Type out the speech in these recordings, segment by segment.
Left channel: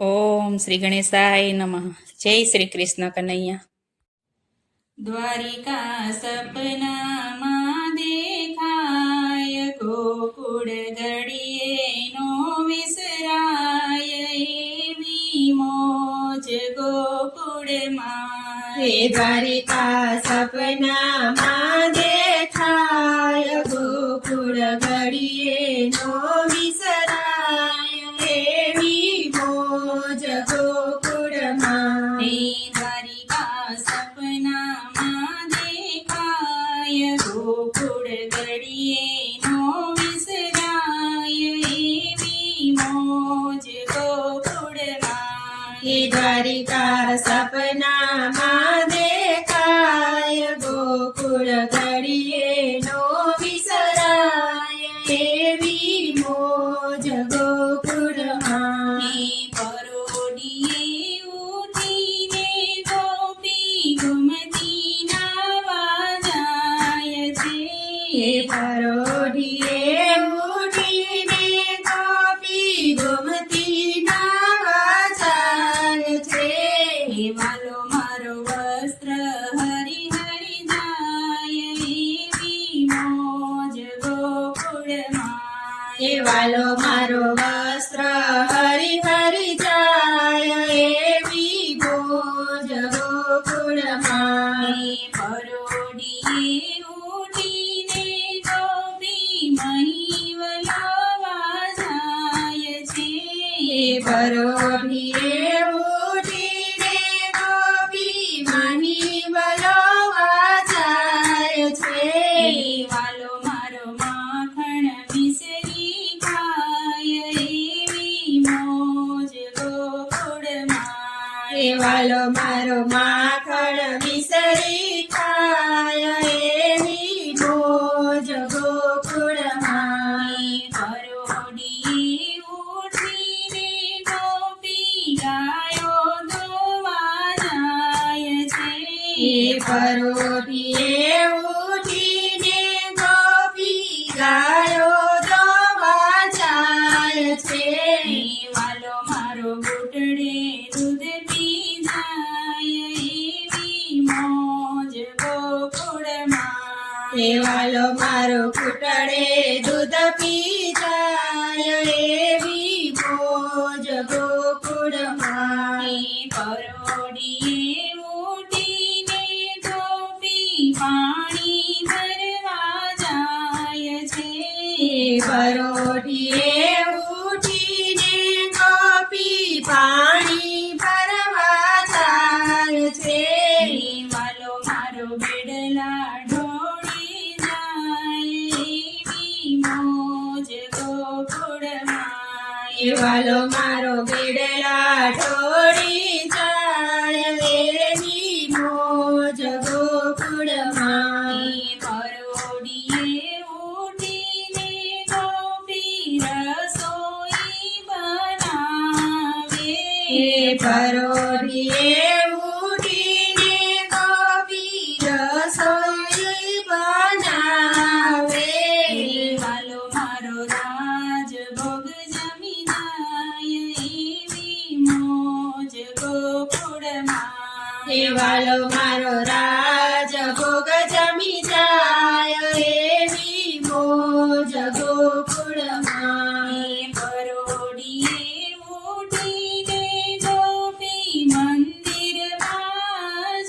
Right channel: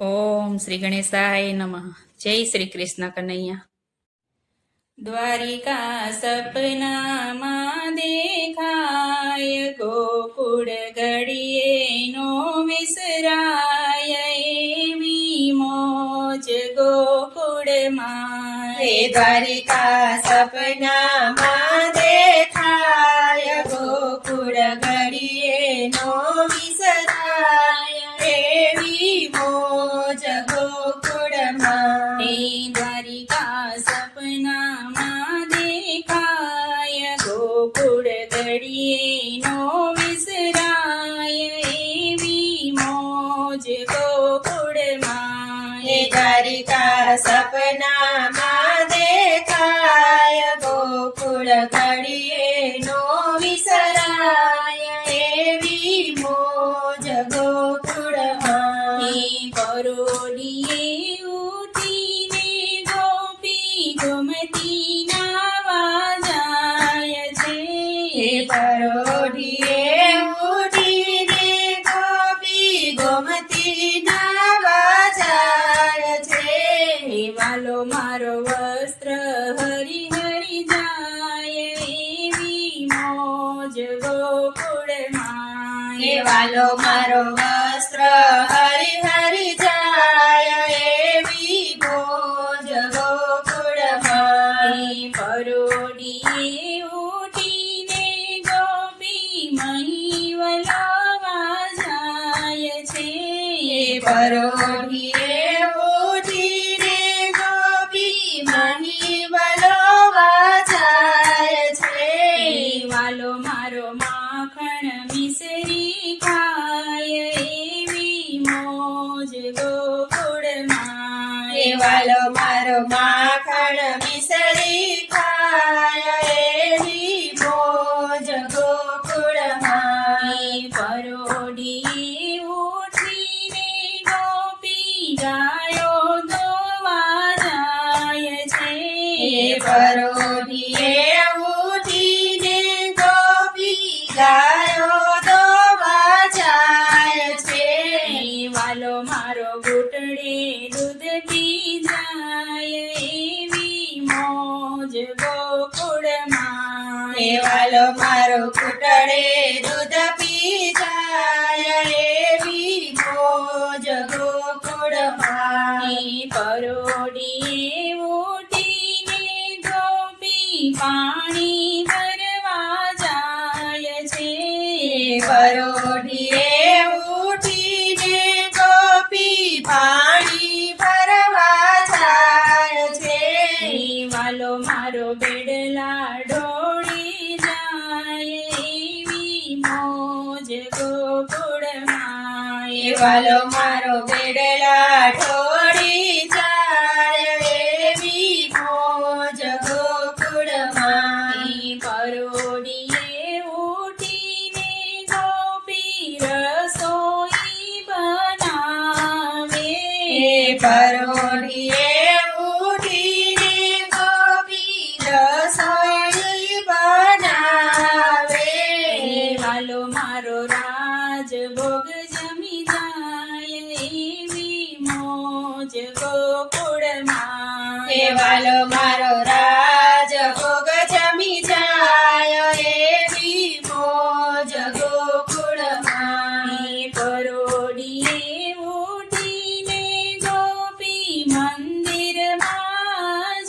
ઓમ શ્રી ગણેશાય નમઃ. જય શ્રી કૃષ્ણ કનૈયા. દ્વારિકા સપનામાં દેખાય, ગોકુળ ઘડીએ નો વિસરાય, એવી મોજ ગોકુળમાં. હે દ્વારિકા સપનામાં દેખાય, ગોકુળ ઘડીએ નો વિસરાય, એવી મોજ ગોકુળમાં. હે દ્વારિકા સપનામાં દેખાય, ગોકુળ ઘડીએ નો વિસરાય, એવી મોજ ગોકુળમાં. હે દ્વારિકા સપનામાં દેખાય, ગોકુળ ઘડીએ નો વિસરાય, એવી મોજ ગોકુળમાં. હે પરોઢિયે ઉઠીને ગોપી ગોમતી નાવા જાય છે. હે પરોઢિયે ઉઠીને ગોપી ગોમતી નાવા જાય છે. હે વાલો મારો વસ્ત્ર હરી હરી જાય, એવી મોજ ગોકુળમાં. હે વાલો મારો વસ્ત્ર હરી હરી જાય, એવી મોજ ગોકુળમાં. હે પરોઢિયે ઉઠીને ગોપી મહિવલવા જાય છે. હે પરોઢિયે ઉઠીને ગોપી મહી વલોવા જાય છે. હે વાલો મારો માખણ મિસરી ખાય, એવી મોજ ગોકુળમાં. હે વાલો મારો માખણ મિસરી ખાય, એવી મોજ ગોકુળમાં. હે પરોઢિયે ઉઠીને ગોપી ગાયો દોવા જાય છે. હે પરોઢિયે ઉઠીને ગોપી ગાયો દોવા જાય છે. હે વાલો મારો ઘૂંટડે દૂધ પી જાય, એવી મોજ ગોકુળમાં. હે વાલો મારો ઘૂંટડે દૂધ પી જાય, એવી મોજ ગોકુળમાં. હે પરોઢિયે ઉઠીને ગોપી પાણી ભરવા જાય છે. હે પરોઢિયે ઉઠીને ગોપી પાણી ભરવા જાય છે. હે વાલો મારો બેડલા ઢોળી જાય, એવી મોજ ગોકુળમાં. હે વાલો મારો બેડલા ઢોળી જાય, એવી મોજ ગોકુળમાં. હે પરોઢિયે ઉઠીને ગોપી રસોઈ બનાવે. હે પરોઢિયે ઉઠીને ગોપી રસોઈ બનાવે. હે વાલો મારો રાજ ભોગ જમી જાય, એવી મોજ ગોકુળમાં. હે વાલો મારો રાજ ભોગ જમી જાય, એવી મોજ ગોકુળમાં. હે પરોઢિયે ઉઠીને ગોપી મંદિરમાં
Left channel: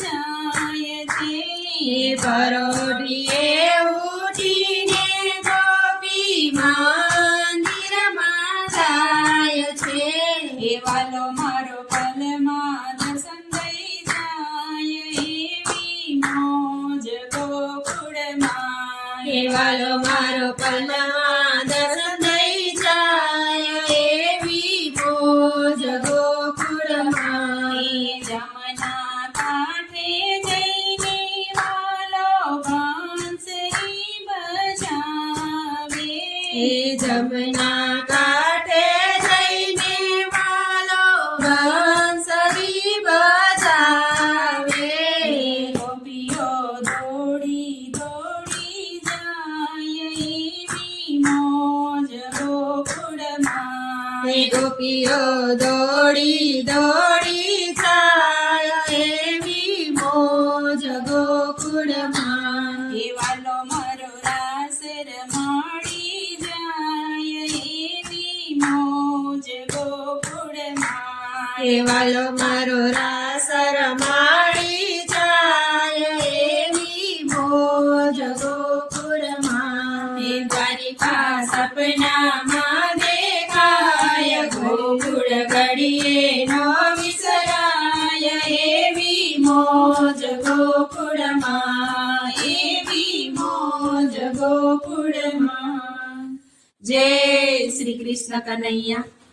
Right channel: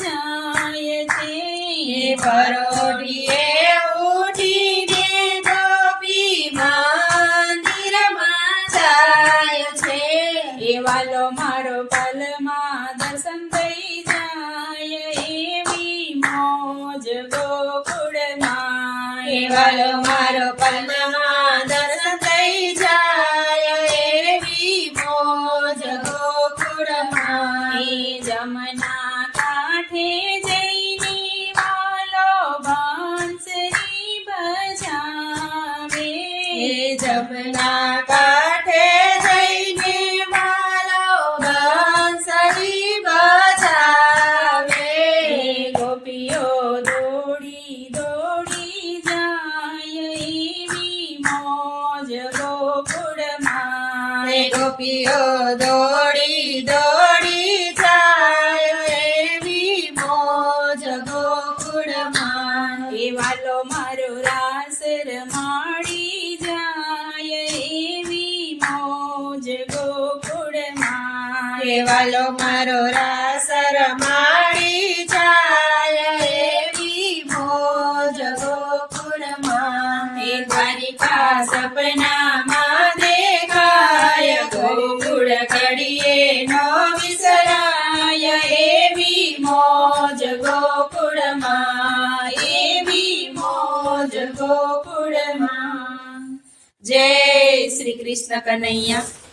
જાય છે. હે પરોઢિયે ઉઠીને ગોપી મંદિરમાં જાય છે. હે વાલો મારો પલમાં દર્શન થઈ જાય, એવી મોજ ગોકુળમાં. હે વાલો મારો પલમાં દર્શન થઈ જાય, એવી મોજ ગોકુળમાં. હે જમના કાંઠે જઈને વાલો બાંસરી બજાવે. હે જમના કાંઠે જઈને વાલો બંસરી બજાવે. હે ગોપીઓ દોડી દોડી જાય, દોડી દોડી જાય એવી મોજ ગોકુળમાં વાલો મારો રાસ રમાડી જાય એવી મોજ ગોકુળમાં વાલો મારો રાસ રમાડી જાય એવી મોજ ગોકુળમાં દ્વારિકા સપનામાં દેખાય ગોકુળ ઘડીએ નો વિસરાય એવી મોજ ગોકુળમાં એવી મોજ ગોકુળમાં જય શ્રી કૃષ્ણ કનૈયા